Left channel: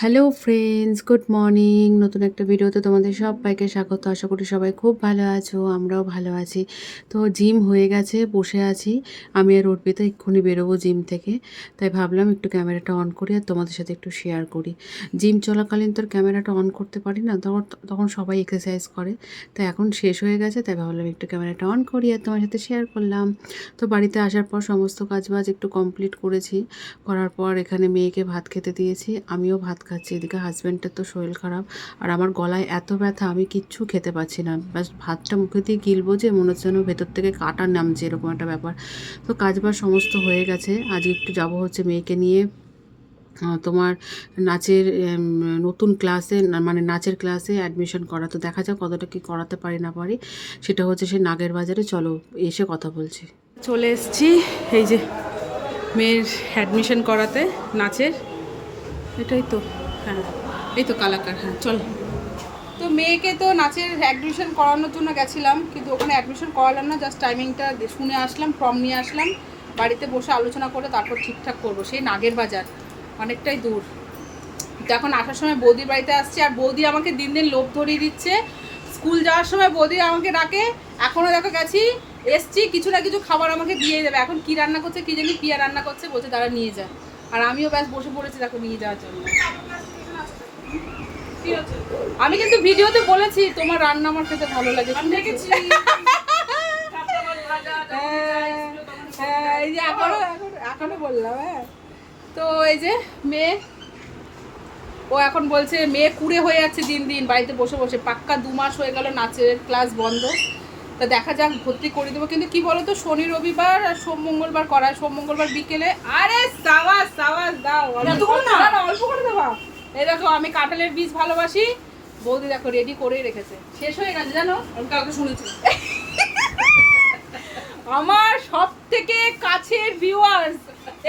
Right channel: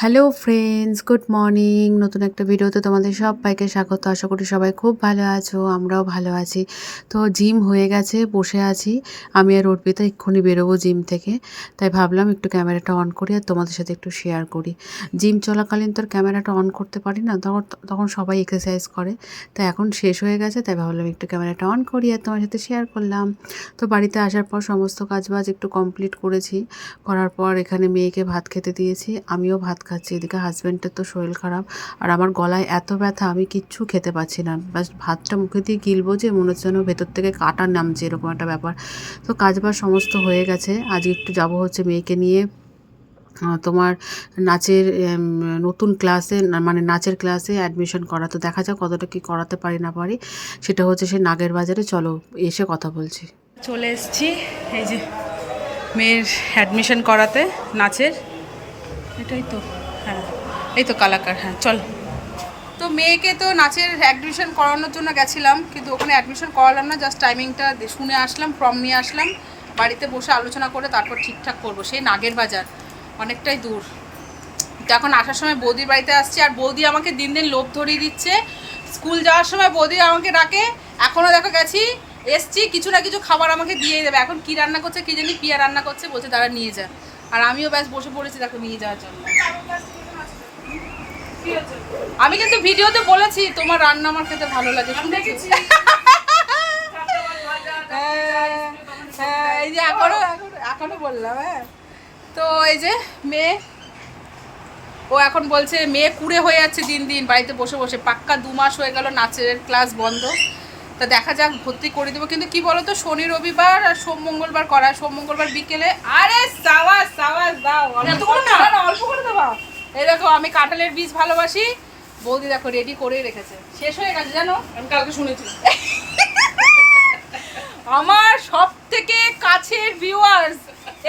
Hello friends good morning নতুন একটা ভিডিওতে তোমাদের সবাইকে স্বাগত। আশা করি সবাই খুব ভালো আছো, আমরাও ভালো আছি। তো জিম হয়ে গেছে, বসে আছি। আমি আর অর্পিতা এক্ষুনি বেরোবো জিম থেকে। তাই ভাবলাম একটু ক্যামেরাটা অন করি আর তোমাদের সাথে একটু শেয়ার করি। জিম চলাকালীন তো আর ক্যামেরাটা অন করতে পারি না, তখন তখন সবাই এক্সারসাইজ করে। তাই এখন শেষ হয়ে গেছে, তাই ভাবলাম একটু ক্যামেরাটা অন করি আর তোমার সাথে শেয়ার করলাম। তো বাড়িতে আসার পর সমস্ত কাজবাজ একটু কমপ্লিট করেছি। করার পর এখানে মেয়েকে ভাত খেতে দিয়েছি। আমিও ভাত খাচ্ছি এদিকে হাজব্যান্ডের তো শরীর খারাপ। আর আমার গলায় এত ব্যথা, আমি কিচ্ছু খেতে পাচ্ছি না। ব্যাস, ভাতটা মুখে দিয়ে গিলবো যে মনে হচ্ছে যেন ভেতর থেকে কাটা নামছে, এরকম একটা ব্যাপার। তো কাজবাজ সমস্ত হয়ে গেছে। আজ একটু যাব হচ্ছে মেয়েকে নিয়ে। তোমার নাচের নতুন ক্লাসে মানে নাচের ক্লাসে অ্যাডমিশন করা। তো দেখা যাক কতটা কি করাতে পারি না পারি। সেটা হচ্ছে সে নাগের বাজারে। চলো, এসে কথা বলছি। চলে এসছি এই যে মেয়ের অ্যাডমিশন করাতে, নাচের। এটাই তো। হ্যাঁ এই তো কালাকার হ্যাঁ চল। তো মেয়েকে তো নাচের অ্যাডমিশন করানোর জন্য গেছিলাম, কিন্তু ওখানে অ্যাডমিশন করালাম না জাস্ট টাইমিংটা শুনে আসলাম ফর্ম নিয়ে আসলাম, বাড়িতে বসে আলোচনা করে তারপর ঠিকঠাক করব, সেই নাগের বাজার, অনেকটাই দূর। তো এখন আসার সময় বৌদির বাড়িতে আসছি, আর বৌদি আমাকে দিন দিন লোভ ধরিয়ে দিচ্ছে। স্কুল যাওয়ার সময় বৌদি আমাকে ডাকে এখনও দেখো গেছি, এসছি, কিছু না কিছু খাবার আমাকে দিয়ে দেবে, এখন কি রান্না করছে, কি জানি পিয়া রান্না করছে, বলছে তারা নিয়ে যা। আর আমিও ব্যাস বসে পড়েছি তাকে নিয়ে যাওয়ার জন্য। আমি কিন্তু ভিডিওতে বলেছি তোমার রান্না আমার খেতে ভালো লাগে শুনেছি? হ্যাঁ, হ্যাঁ, এই যে এখনও এখনও এখনও বললাম হ্যাঁ। তো এই যে মেয়ে ও এখন বলছে মেয়ে কুড়ে হয়ে যাচ্ছে দিন দিন বাড়িতে বসে বসে। পাক্কা দু মাস হয়ে গেল নাচের ক্লাস বন্ধ। তা দেখা যাক ভর্তি করে দেবো। কিন্তু কি বলতো শনি রবিবার আর সোম মঙ্গলবার করায় সোম মঙ্গলবার বিকেলে। আরে সাওয়াস সাওয়াস দাও অল্প করে দেবা। এই দেখো আমি কাঁঠালের বীজ ভালোবাসি। বৌদি দেখো রেডি করেই রেখেছে। শেষ হয়ে গেছে জানো? আমি কালকে শুনেছি। আমার সব থেকে কাছের ভিউয়ার্স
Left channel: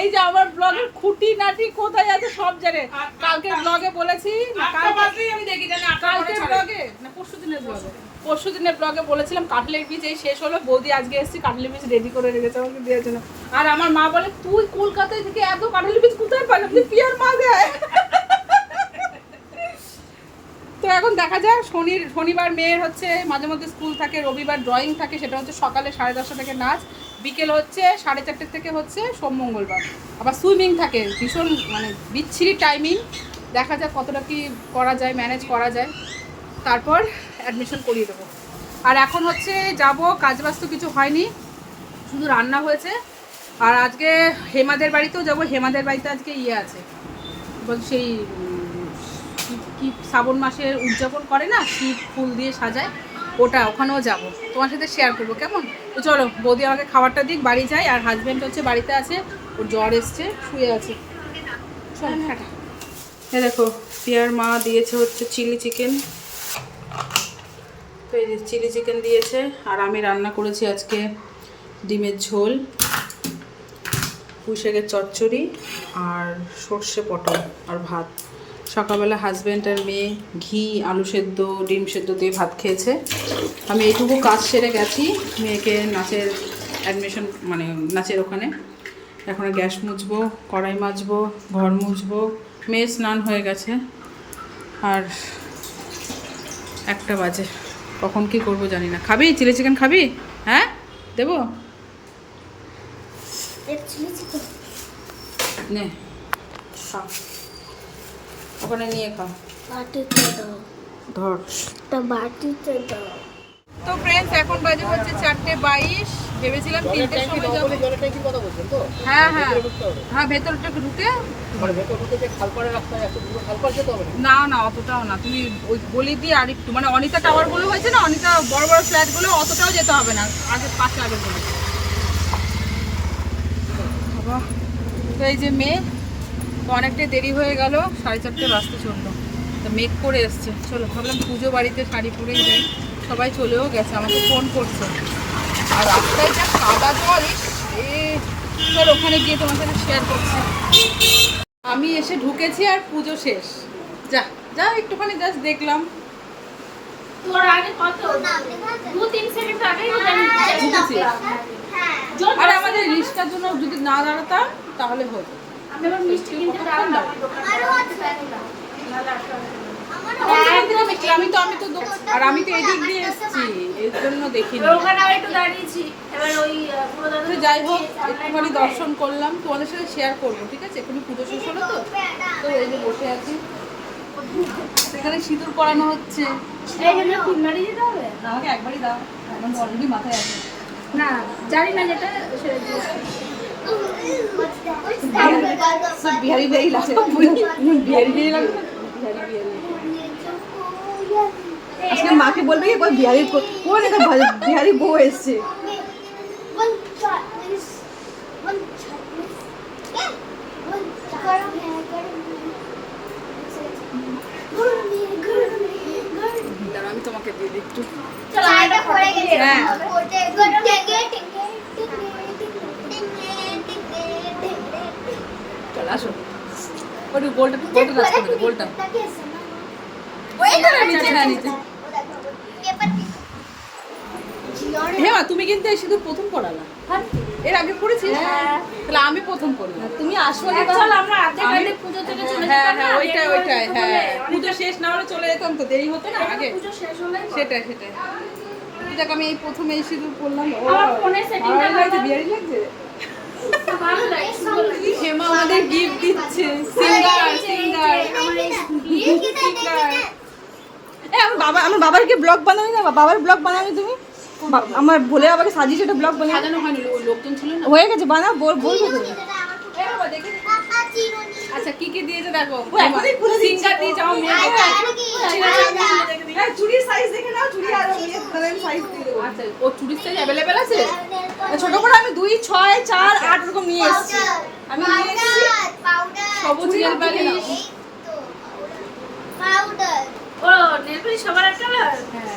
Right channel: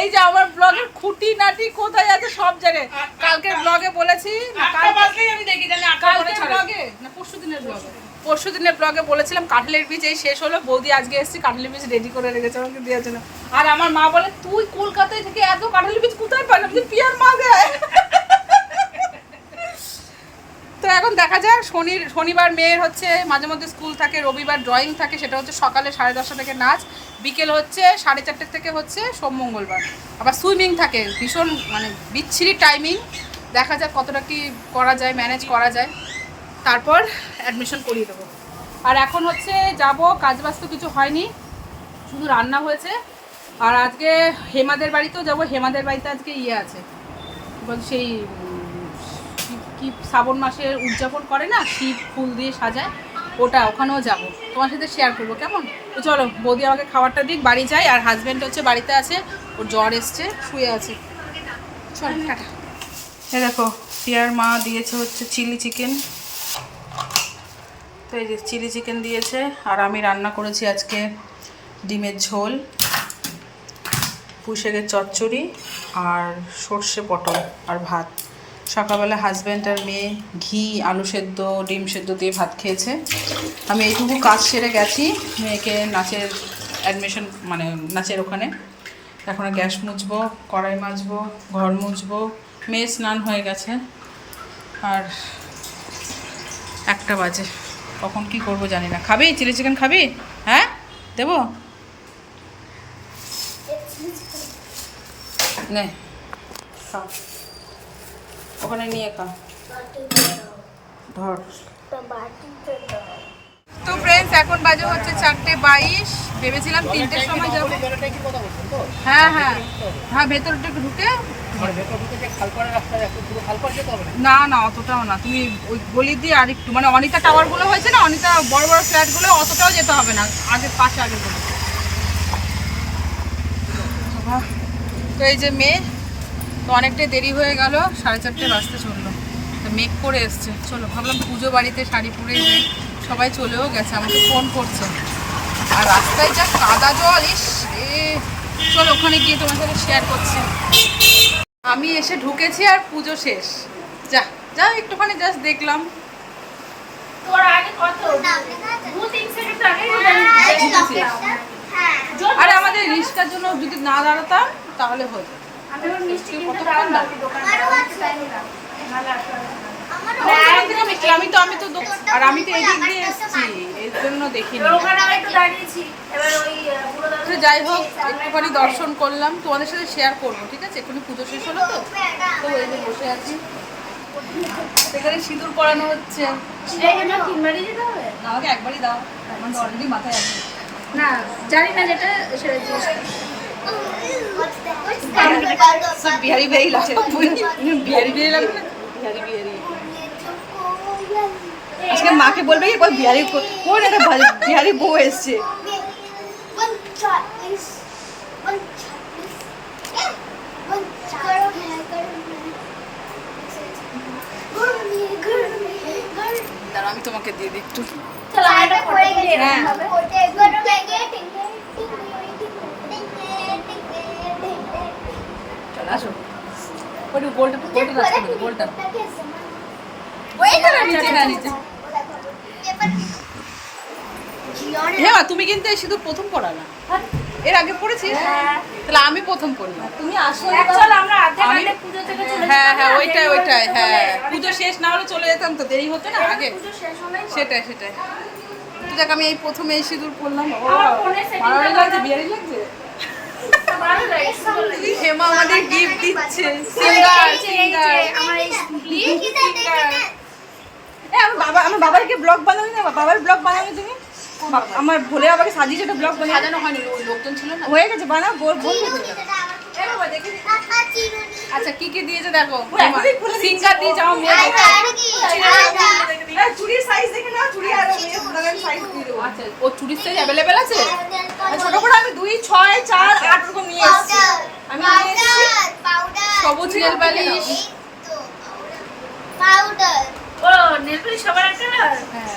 এই যে আমার ব্লগের খুঁটি নাটি কোথায় আছে সব জানে। কালকের ব্লগে বলেছি না কালকে আমি দেখি জানি কালকের ব্লগে না পরশু দিনের ব্লগে পরশু দিনের ব্লগে বলেছিলাম কাঁঠালের বীজ এই শেষ হলো, বৌদি আজকে এসেছি, কাঁঠালের বীজ রেডি করে রেখেছে আমাকে দেওয়ার জন্য। আর আমার মা বলে, তুই কলকাতায় থেকে এত কাঁঠালের বীজ কোথায় পাই আপনি পিয়ার মা দেয় তো এখন দেখা যাক, শনি, শনিবার মেয়ের হচ্ছে, মাঝে মধ্যে স্কুল থাকে, রবিবার ড্রয়িং থাকে, সেটা হচ্ছে সকালে সাড়ে দশটা থেকে নাচ, বিকেল হচ্ছে সাড়ে চারটে থেকে হচ্ছে সোম মঙ্গলবার। আবার সুইমিং থাকে, ভীষণ মানে বিচ্ছিরি টাইমিং দেখা যাক কতটা কি করা যায় ম্যানেজ করা যায়। তারপর অ্যাডমিশন করিয়ে দেবো। আর এখন হচ্ছে যাব, কাজবাজ তো কিছু হয়নি, শুধু রান্না হয়েছে। আর আজকে হেমাদের বাড়িতেও যাব, হেমাদের বাড়িতে আজকে ইয়ে আছে। বল সেই, কি- শ্রাবণ মাসের উদযাপন করে না, শিব ফুল দিয়ে সাজায়, ওটা, ওখানেও যাব। তোমার সাথে শেয়ার করব, কেমন? তো চলো, বৌদি আমাকে খাবারটা দিক, বাড়ি যাই, আর হাজব্যান্ড হচ্ছে বাড়িতে আছে, ওর জ্বর এসছে, শুয়ে আছে। চলো, টাটা। এ দেখো, পিয়ার মা দিয়েছে হচ্ছে চিলি চিকেন তো এই যে চিলি চিকেন দিয়েছে, আর আমি রান্না করেছি আজকে ডিমের ঝোল, পুঁইশাকের চচ্চড়ি, আর সর্ষে পটল আর ভাত। সকালবেলা হাজব্যান্ড আর মেয়ে ঘি, আলু সেদ্ধ, ডিম সেদ্ধ দিয়ে ভাত খেয়েছে। আমি এইটুকু কাজ সেরে গেছি, মেয়েকে নাচের অ্যাডমিশন মানে নাচের ওখানে। এখন গ্যাস মুছবো, কড়াই মাজবো, ঘর মুছবো, মেয়ে স্নান হয়ে গেছে। আর একটা বাজে। কখন কি করব জানি না। খাবি? চিলি চিকেন খাবি? হ্যাঁ? দেবো? নে খা। ওখানে নিয়ে খা। ধর। তো ফ্রেন্ডস এখন বাজে হচ্ছে চারটে বাইশ। ভেবেছিলাম তিনটের সময় যাব। হ্যাঁ হ্যাঁ। হ্যাঁ ভেতরটা একটু ঢুকে। না না, অতটাও না। তুমি ওই গলি দিয়ে আর একটু মানে অনিতা টাওয়ারগুলো হয়েছে না, অনিতা বড় বড় ফ্ল্যাটগুলো অতটাও যেতে হবে না। আগে পাশে, আগে তো এই যে মেয়ে, তো অনেকটাই দেরি হয়ে গেল। সাড়ে চারটে বাজতে চলল। তো মেক করে এসছে। চলো, ভাবলাম পুজো বাড়িতে শাড়ি পরেই যাই। সবাই চলেও গেছে আমাকে ফোন করছে। আর রাস্তায় যা কাদা জল ইস এ চলো ওখানে গিয়ে তোমার সাথে শেয়ার করছি। আমি এসে ঢুকেছি আর পুজো শেষ। যা যা একটুখানি জাস্ট দেখলাম। তোর আগে কত? দু তিন সেকেন্ড আগে ঢুকেছি। আরে আমাদের রিস্কার জন্য যদি না দাঁড়াতাম তাহলে হতো। কতক্ষণ দাঁড়াবো? আমি তো আমি তো আর আমি তো এদিক দিয়ে এসেছি এর জন্য দেখিনি তো যাই হোক একটুখানি দর্শন করলাম। তোমাদের সাথে শেয়ার করব ঠিক আছে? এক্ষুনি পুজো শেষ হলো তো? তো এই যে বসে আছি। সেখানে সিঁদুর পরানো হচ্ছে। আমাকে একবারই দাও। আমার অলরেডি মাথায় আছে। না জানি না যেটা সেটা। বিহারি বিহারি লাগছে বিহারি বিহারি লাগবে বিহারি বিহারি আজকে মাকে বলবে কি বল বিহারি কোন একটা বিহারি বউ এসছে. দাঁড়া আমি তোমাকে দিয়ে দিই একটু চলো এটা পরে গিয়ে হ্যাঁ মা, তুমি কিন্তু এই সিঁদুর প্রথম পড়ালা এর আগে পড়েছিস? তাহলে আমি প্রথম পড়লাম। তুমি আসলে আমরা আমি- থেকে চলে হ্যাঁ হ্যাঁ ওইটাই ওইটাই হ্যাঁ। পুজো শেষ না হলে চলে যেতাম তো দেরি হতো না? আগে। পুজো শেষ হলে সেটাই সেটাই। তো দেখ আমি এই প্রথমে এই সিঁদুর পড়লাম। ও করা লাগছে বিয়ারি লাগছে। হেমা আমাদের গিফট দিচ্ছে সিঙ্গার সিঙ্গার আমার বাবা আমার বাবারকে ব্লগ বানাবি না বাবার ব্লগ বানাবি তুমি? আমার ভোলে বাবাকে সাজিয়েছে একটা ব্লগ বানাবি সাজানো হয়নি লোকজন ছিল না? হয়ে গেছে বানাও বল বল। আচ্ছা কি কি দিয়েছে দেখো। সিঙ্গার দিয়েছে আমার মেয়ে হ্যাঁ, চুড়ির সাইজ দেখে নাও চুড়ি আর তাহলে আমি সাইজ দিয়ে আচ্ছা ও চুরির সাইজ অ্যাভেলেবেল আছে? আর ছোট করে আমি দুই ছয় চার আট রকম নিয়ে এসেছি। আমি সবুজ নেল পালিশ পাউডার ও নেল পালিশ সবার একটা? হ্যাঁ।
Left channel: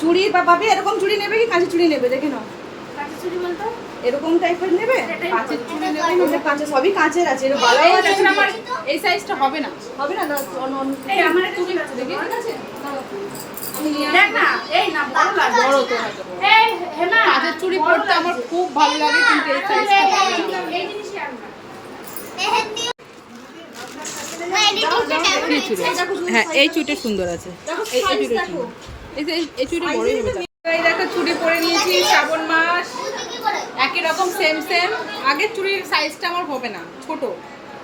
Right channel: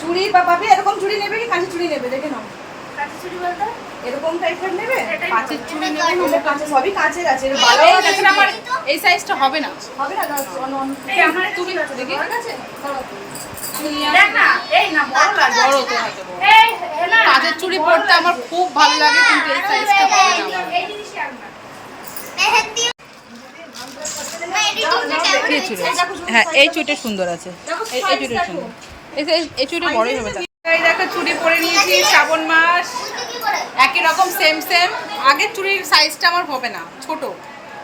চুড়ি বা পাবে এরকম চুড়ি নেবে কি কাঁচের চুড়ি নেবে দেখে নাও এরকম টাইপের নেবে কাঁচের চুড়ি নেবে সবই কাঁচের আছে এর আমার এই সাইজটা হবে না হবে এই আমার তুমি দেখি কাঁচের চুড়ি পরতে আমার খুব ভালো লাগে কিন্তু এই সাইজটা না হ্যাঁ এই চুড়িটা সুন্দর আছে এই এই চুড়িটা সুন্দর এই চুড়িটা বড়ই হবে এই দেখো চুড়ি পরে নিয়েছি শ্রাবণ মাস। একই রকম সেম সেম আগের চুড়ির সাইজটা আমার হবে না ছোট।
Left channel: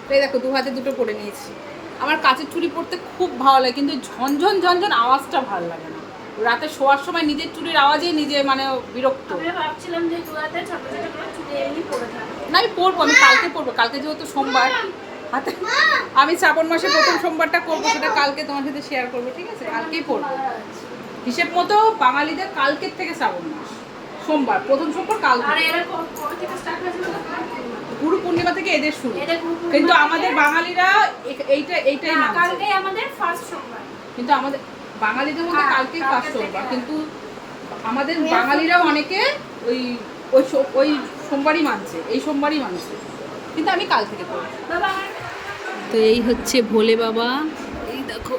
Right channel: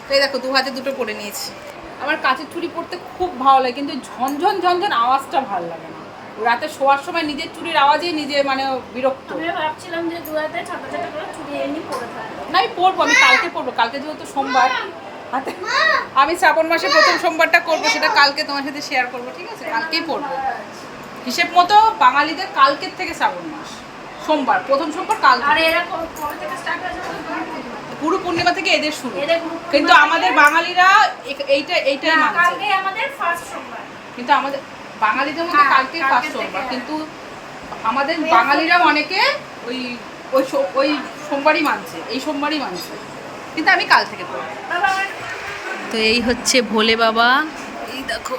তো এই দেখো দু হাতে দুটো পরে নিয়েছি। আমার কাঁচের চুড়ি পরতে খুব ভালো লাগে কিন্তু ঝনঝন ঝনঝন আওয়াজটা ভালো লাগে না। রাতে শোয়ার সময় নিজের চুড়ির আওয়াজেই নিজে মানে বিরক্ত। না আমি পরবো আমি কালকে পরবো। কালকে যেহেতু সোমবার হাতে আমি শ্রাবণ মাসে প্রথম সোমবারটা করব সেটা কালকে তোমার সাথে শেয়ার করব ঠিক আছে? কালকেই পরবো। হিসেব মতো বাঙালিদের কালকের থেকে শ্রাবণ মাস সোমবার প্রথম সোমবার কাল? গুরু পূর্ণিমা থেকে এদের শুরু। কিন্তু আমাদের বাঙালিরা এইটা এইটাই মানছে। আমাদের ফার্স্ট সোমবার। কিন্তু আমাদের বাঙালিদের মধ্যে হ্যাঁ, কালকে কালকের ফার্স্ট সোমবার। কিন্তু আমাদের বাঙালিরাও অনেকে ওই ওই ওই সোমবারই মানছে এই সোমবারই মানছে। কিন্তু আমি কাল থেকে পড়ি। তো এই হচ্ছে ভোলে বাবা। এই দেখো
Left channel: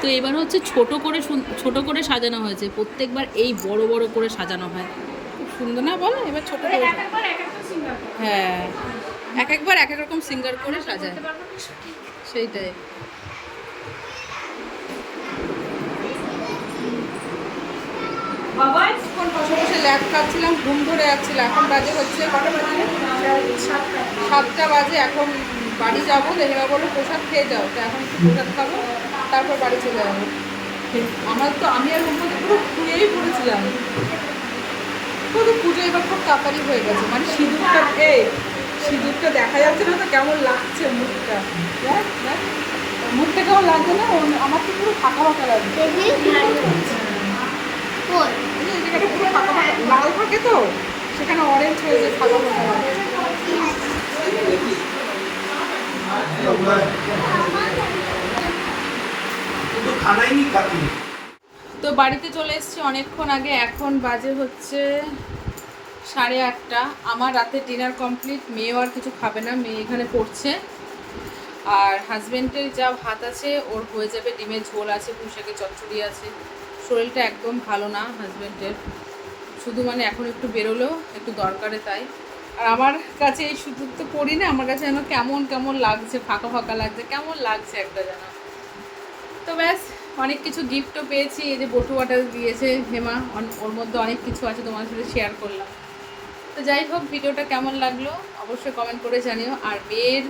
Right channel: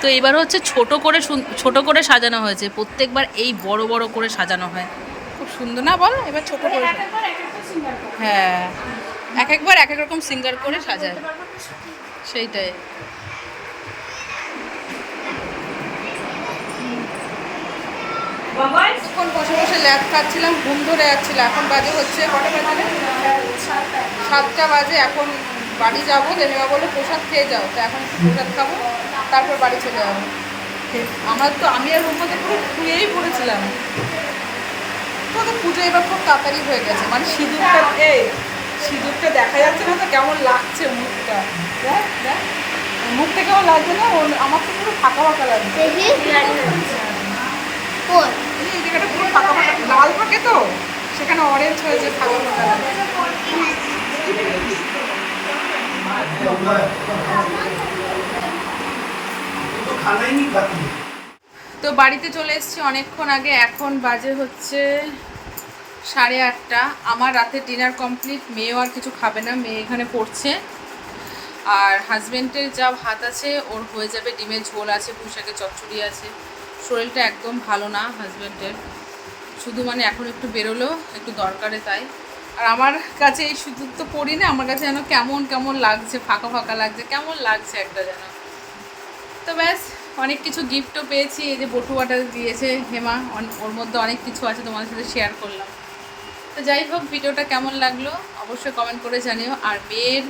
তো এবার হচ্ছে ছোট করে ছোট করে সাজানো হয়েছে। প্রত্যেকবার এই বড় বড় করে সাজানো হয়। খুব সুন্দর না বলো? এবার ছোট করে। হ্যাঁ। এক একবার এক এক রকম সিঙ্গার করে সাজায়। সেইটাই। এখন বসে বসে ল্যাব খাচ্ছিলাম, ঘুম ধরে যাচ্ছিল। এখন বাজে হচ্ছে কটা বাজে? সাতটা বাজে। এখন বাড়ি যাব দেহেবা বলে প্রসাদ খেয়ে যাও। তো এখন একটু প্রসাদ খাব। তারপর বাড়ি চলে যাব। আমার তো আমি আর রুম মধ্যে পুরো শুয়েই পড়েছিলাম। তো তো পুজো এবার খুব তাড়াতাড়ি হয়ে গেছে। মানে সিঁদুরটা এই সিঁদুরটা দেখা যাচ্ছে না তো কেমন লাগছে মুখটা। দেখ দেখ। মুখটা কেমন লাগছে না আমার তো পুরো ফাঁকা ফাঁকা লাগছে। এই জায়গাটা পুরো ফাঁকা ফাঁকা লাল থাকে তো? সেখানে অরেঞ্জ হয়েছে ফাঁকা ফাঁকা লাগে তো খানাই খাবি তো বাড়িতে চলে এসেছি অনেকক্ষণ আগে, এখন বাজে হচ্ছে সাড়ে আটটা। আমার রাতে ডিনার কমপ্লিট মেয়েও আর কিছু খাবে না, মেয়ে এখানে পড়ছে। আর হাজব্যান্ডের যা ভাত আছে, ওর হয়ে যাবে ডিমের ঝোল আছে পুঁশাকে চচ্চড়ি আছে। শরীরটা একদম ভালো না হাজব্যান্ডের শুধু মানে এখন একটু বেরোলো, একটু দরকারে তাই। আর আমার কাছে এই শুধু তো পড়ি না, আমার কাছে যেন কেমন কেমন লাগছে, ফাঁকা ফাঁকা লাগছে, কেমন লাগছে একটা যেন। তো ব্যাস, অনেক কিছু গিফটও পেয়েছি। এই যে বটুয়াটা দিয়েছে হেমা ওর মধ্যে অনেক কিছু আছে তোমাদের সাথে শেয়ার করলাম। তো যাই হোক, ভিডিওটা কেমন লাগল অবশ্যই কমেন্ট করে জানিও। আর মেয়ের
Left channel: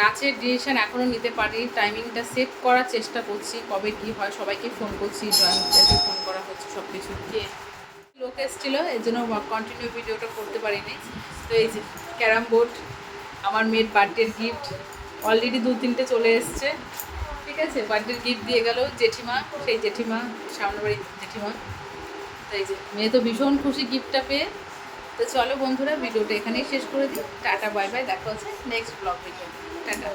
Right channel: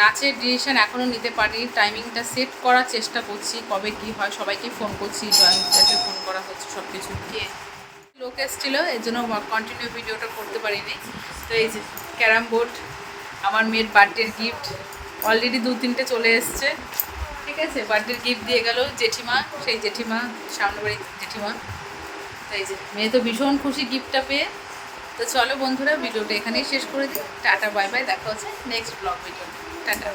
নাচের ডিসিশন এখনও নিতে পারি টাইমিংটা সেট করার চেষ্টা করছি, কবে কি হয়, সবাইকে ফোন করছি ড্রয়িংটাকে ফোন করা হচ্ছে সব কিছু কে লোক এসেছিল, এর জন্য কন্টিনিউ ভিডিওটা করতে পারিনি। তো এই যে ক্যারাম বোর্ড, আমার মেয়ের বার্থডের গিফট অলরেডি দু তিনটে চলে এসছে। ঠিক আছে, বার্থডের গিফট দিয়ে গেল জেঠিমা, সেই জেঠিমা, সামনে বাড়ির জেঠিমা। তাই মেয়ে তো ভীষণ খুশি গিফটটা পেয়ে। তো চলো বন্ধুরা, ভিডিওটা এখানেই শেষ করে দিই। টাটা, বাই বাই, দেখা হচ্ছে নেক্সট ব্লগ ভিডিও টাটা।